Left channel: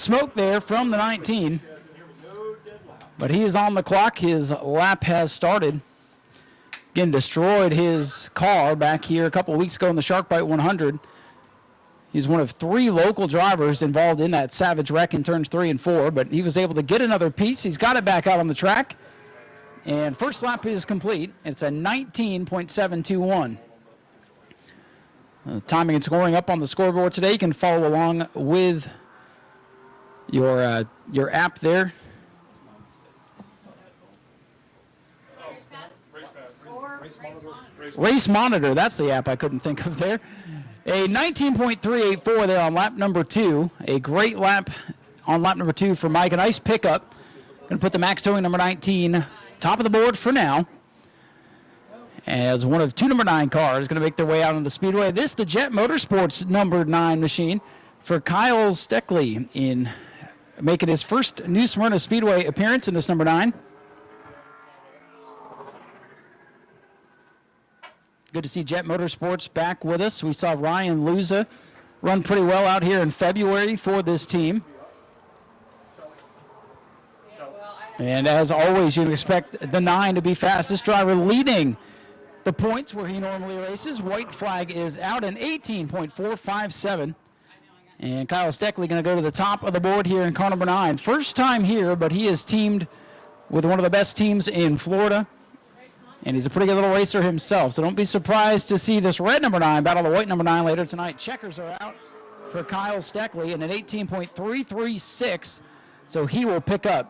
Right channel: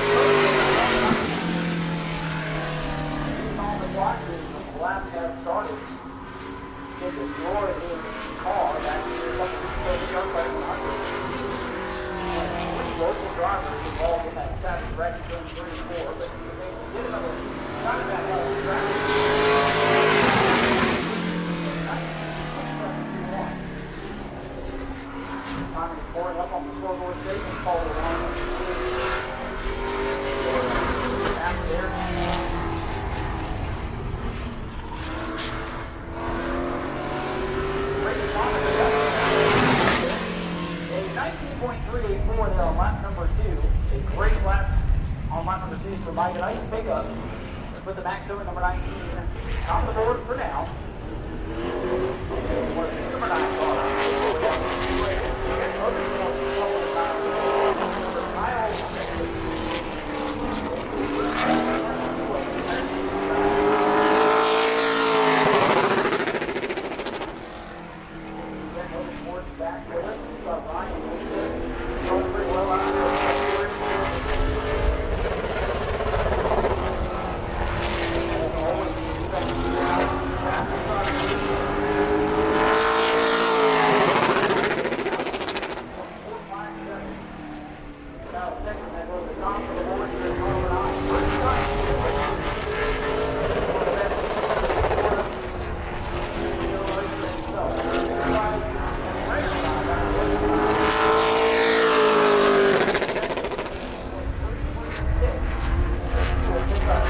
smoke there from the 19. But he is on the clock. His lap has started. Again, destroyed his car back here a couple of weeks ago in the Shark Bite 100. He's one of 3 local drivers involved in that savage wreck in turns 3 and 4, but he was able to get another piece. He's got it back out on the track. And the first lap is complete. It's a 19.721. Timing and scoring up on the scoreboard today. You can follow along with your app there. Race Monitor, that's the app I put there. A 19.384 there on lap number 2. A great lap on lap number 2 for Mike. A nice pickup. And put the max towing number 19 top of the board for now. As one of 2 number 9 cars going to make their way out on the speedway. This is the Jet Motorsports number 9 machine for Kyle Stickley in making his first New Smyrna Speedway appearance in this number 9. Good to see Jet Motorsports back with us. We saw Ryan Luza run pretty well out here in February for this team. And as always, you'd expect the 9 to be fastest driver leading the points. Is out at 18.457. And Kyle Stickley going to go to the top of the board here in car number 9. First time here, but he is teamed with one of the best teams in Florida. And he's a pretty good little racer himself, so don't be surprised to see this red number 9 battle the white number 9 later tonight. Kyle Stickley at an 18.336, so he will pick up.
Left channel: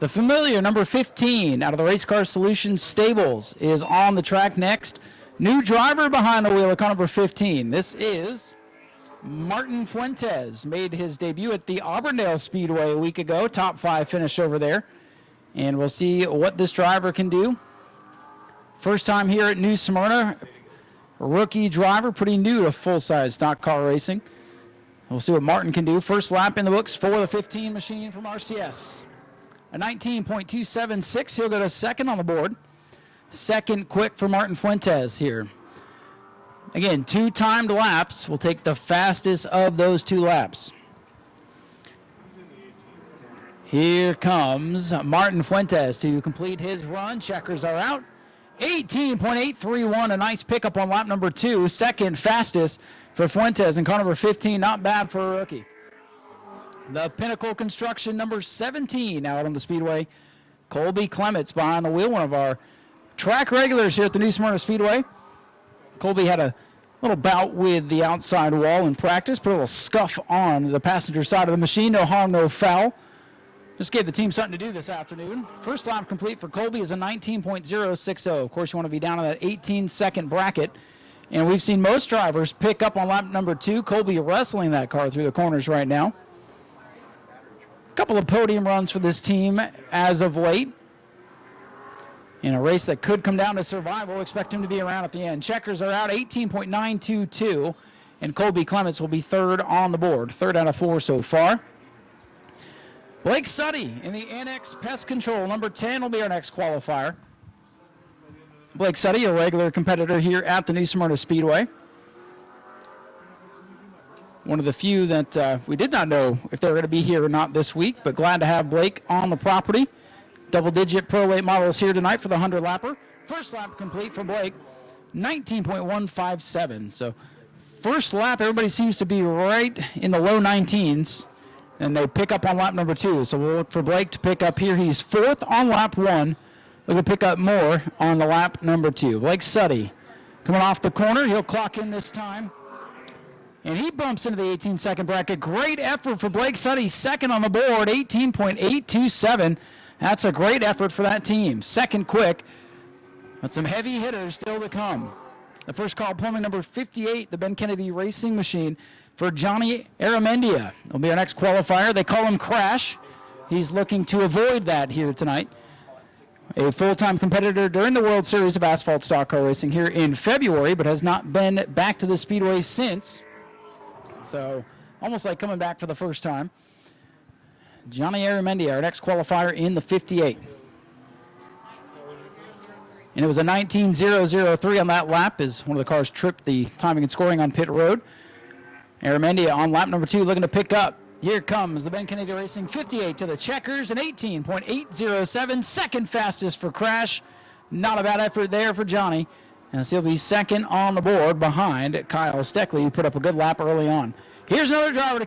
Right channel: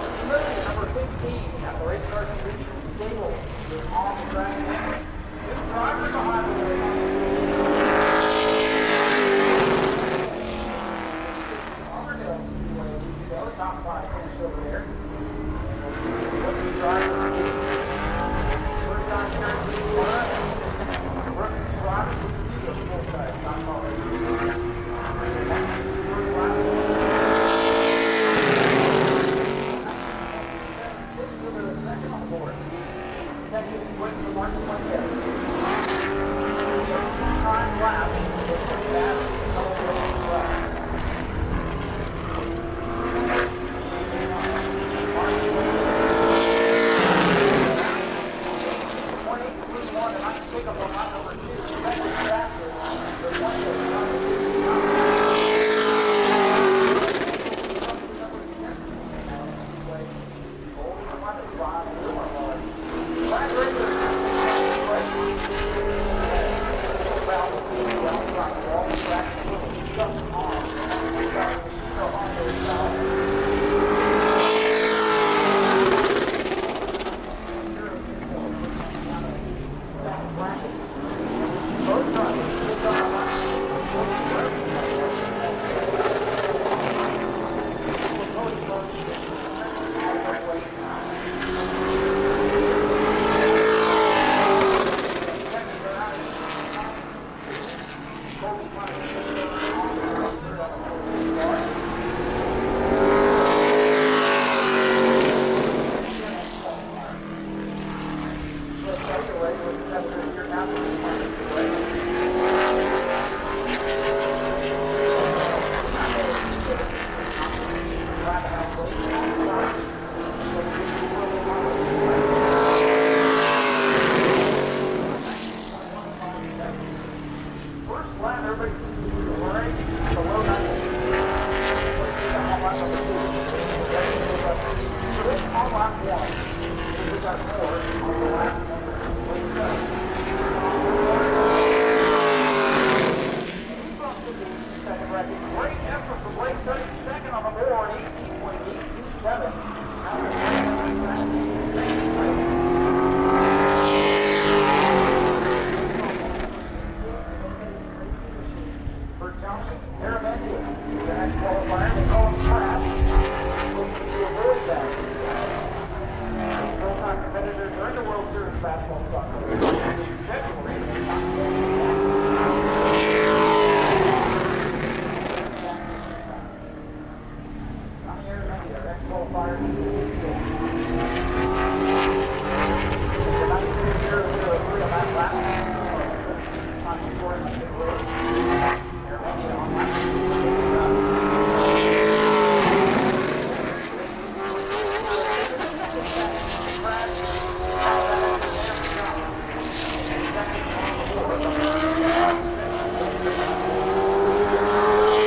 The familiar number 15 out of the Race Car Solutions Stables is on the track next. New driver behind the wheel of car number 15. This is Fuentes. Made his debut at the Auburndale Speedway a week ago. Top 5 finish over there. And we'll see what this driver can do. First time here at New Smyrna. Rookie driver, pretty new to full-size stock car racing. We'll see what Martin can do. First lap in the books for the 15. 19.276. He'll go to second on the board. Second quick for Martin Fuentes here. Again, 2 timed laps. We'll take the fastest of those 2 laps. Here comes Martin Fuentes to complete his round. 18.831, a nice pickup on lap number 2. Second fastest for Fuentes in car number 15. Not bad for Pinnacle Construction number 17 out on the speedway. Colby Clements behind the wheel, one of our track regulars here at the New Smyrna Speedway. Colby had a little bout with the outside wall in practice, put a little scuff on the passenger side of the machine. No harm, no foul. Just gave the team something. First lap complete for Colby is a 19.060. Of course, you want to be down in that 18-second bracket. And we've seen most drivers pick up on lap number 2. Colby wrestling that car through the corners right now. A couple of podium runs for this team as of late. In a race that could come down to the end. Checkers are out 18.922. And Colby Clements will be third on the board. 3rd out of 4 so far. Blake Suddy, number 10 will be our next qualifier. Blake Suddy, a regular competitor here at the New Smyrna Speedway. One of the few that we did not know if they were going to be here or not this week, but glad to have Blake on the property. Double-digit pro weight models here tonight for the 100 lap. 19.157. So first lap, everybody seems to be right in the low 19s. And they pick up on lap number 2. So we'll look for Blake to pick up here. He's 4th on lap 1. He will pick up more on the lap number 2. Blake Suddy coming off the corner. He'll cross and he bumps into the 18-second bracket. Great effort for Blake Suddy. 2nd on the board, 18.827. That's a great effort for that team. 2nd quick. It's a first call opponent number 58, the Ben Kennedy Racing Machine. For Johnny Aramendi will be our next qualifier. They call him Crash. He's looking to avoid that here tonight. A full-time competitor during the World Series of Asphalt Stock Car Racing here in February, but has not been back to the Speedway since. Almost like coming back for the first time. Johnny Aramendi, our next qualifier in the 58. And it was a 19.003 on that lap as one of the cars tripped the timing and scoring on pit road. Aramendi on lap number 2 looking to pick up. Here comes the checkers, an 18.807, second fastest for Crash. Not a bad effort there for Johnny. And still be second on the board behind Kyle Stickley, who put up a good lap early on. Here's another driver.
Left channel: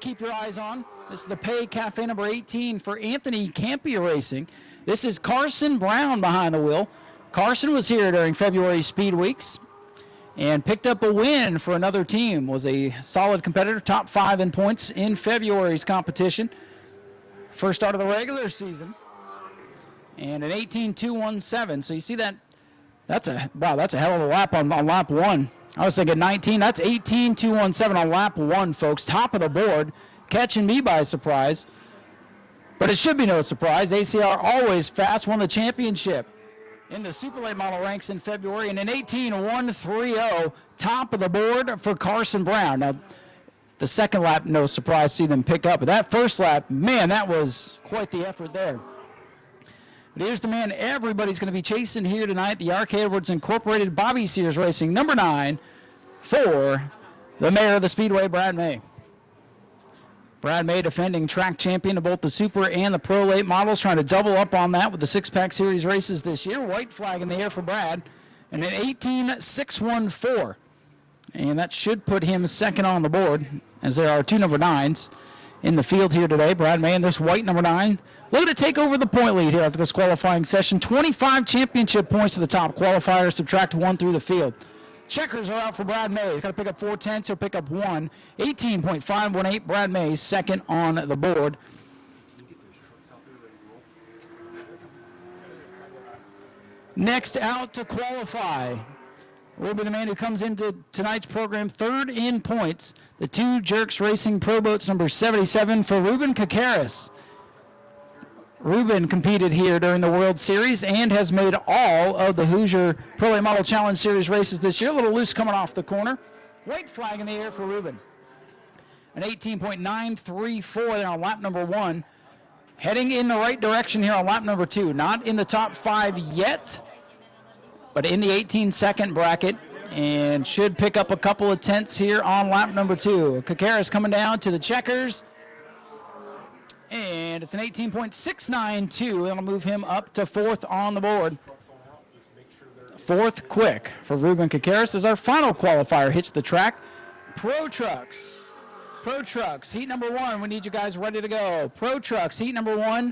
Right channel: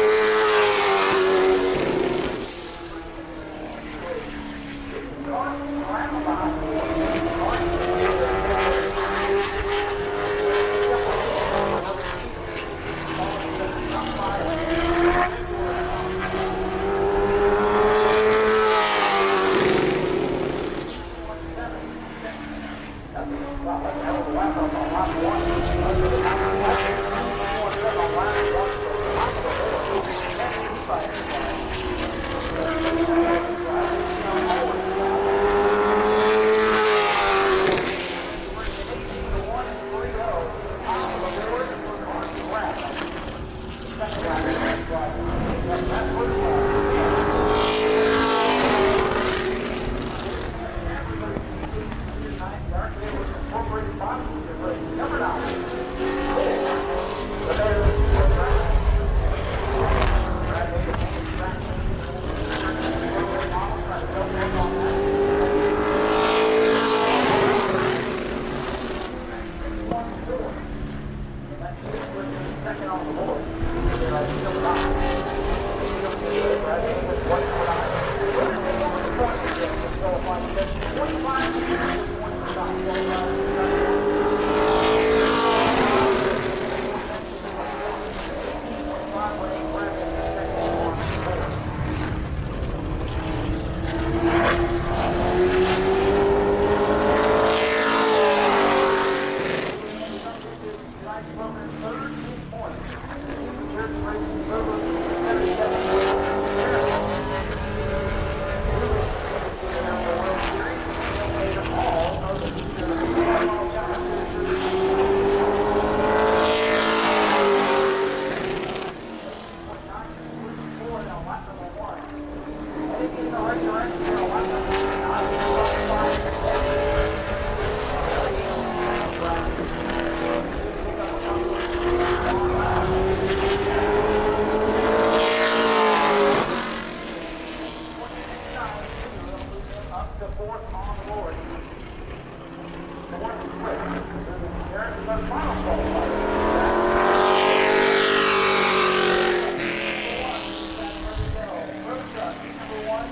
Cafe number 18 for Anthony Campia Racing. This is Carson Brown behind the wheel. Carson was here during February Speed Weeks and picked up a win for another team. Was a solid competitor, top 5 in points in February's competition. First on the regular season, an 18.217. So you see that. That's a hell of a lap on lap 1. I was thinking 19. That's 18.217 on lap 1, folks. Top of the board, catching me by surprise. But it should be no surprise. ACR always fast, won the championship. Ranks in February, and an 18.130 top of the board for Carson Brown. Now, the second lap, no surprise, see them pick up. But that first lap, man, that was. Here's the man everybody's going to be chasing here tonight. The RK Edwards Incorporated Bobby Sears Racing, number 9 for the mayor of the Speedway, Brad May. Brad May, defending track champion of both the Super and the Pro Late models, trying to double up on that with the 6-pack series races this year. And an 18.614. And that should put him second on the board, as there are 2 number 9s in the field here today. Brad May and this white number 9. Looking to take over the point lead here after this qualifying session. 25 championship points to the top qualifiers, subtract 1 through the field. 410, so pick up 1. 18.518, Brad May, second on the board. Next out, will be the man who comes into tonight's program third in points. The 2 Jerks Racing Pro Boats number 77 for Ruben Pukaris. Ruben competed here during the World Series and has made all of the Hoosier Pro Model Challenge Series races this year. A little loose coming off the corner. An 18.934 there on lap number 1. Heading in the right direction here on lap number 2. Not in the top 5 yet, but in the 18-second bracket, and should pick up a couple of tenths here on lap number 2. Pukaris coming down to the checkers. 18.692. That'll move him up to 4th on the board. 4th quick for Ruben Pukaris as our final qualifier hits the track. Heat number 1, we need you guys ready to go. Pro Trucks, heat number 1.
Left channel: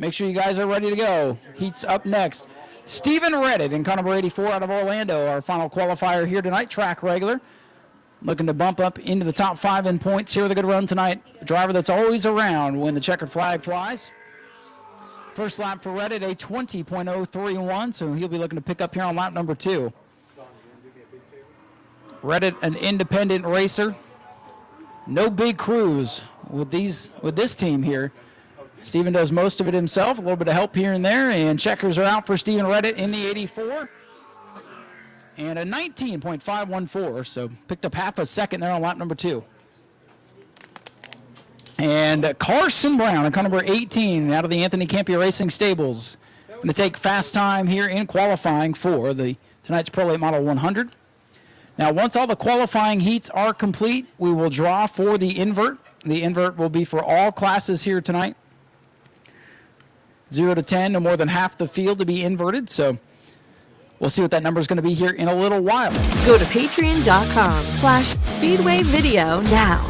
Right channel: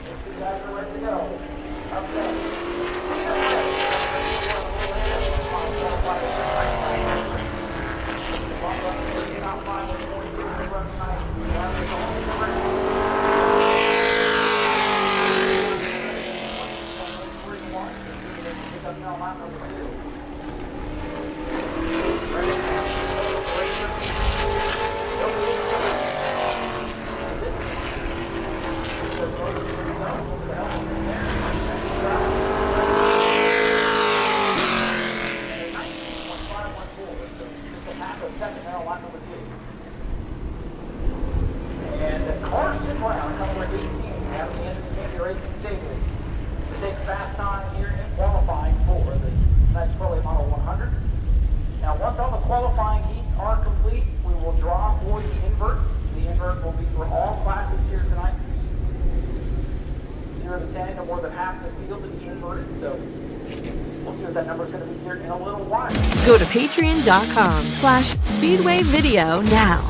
Make sure you guys are ready to go. Heat's up next. Stephen Reddick in car number 84 out of Orlando, our final qualifier here tonight, track regular. Looking to bump up into the top 5 in points here with a good run tonight. Driver that's always around when the checkered flag flies. First lap for Reddit, a 20.031, so he'll be looking to pick up here on lap number 2. Reddit, an independent racer. No big crews with this team here. Steven does most of it himself, a little bit of help here and there, and checkers are out for Steven Reddit in the 84. And a 19.514, so picked up half a second there on lap number 2. And Carson Brown, on car number 18, out of the Anthony Campia Racing Stables, going to take fast time here in qualifying for tonight's Pro Late Model 100. Now, once all the qualifying heats are complete, we will draw for the invert. The invert will be for all classes here tonight. 0 to 10, no more than half the field to be inverted, so we'll see what that number is going to be here in a little while. Go to patreon.com/Speedway Video now.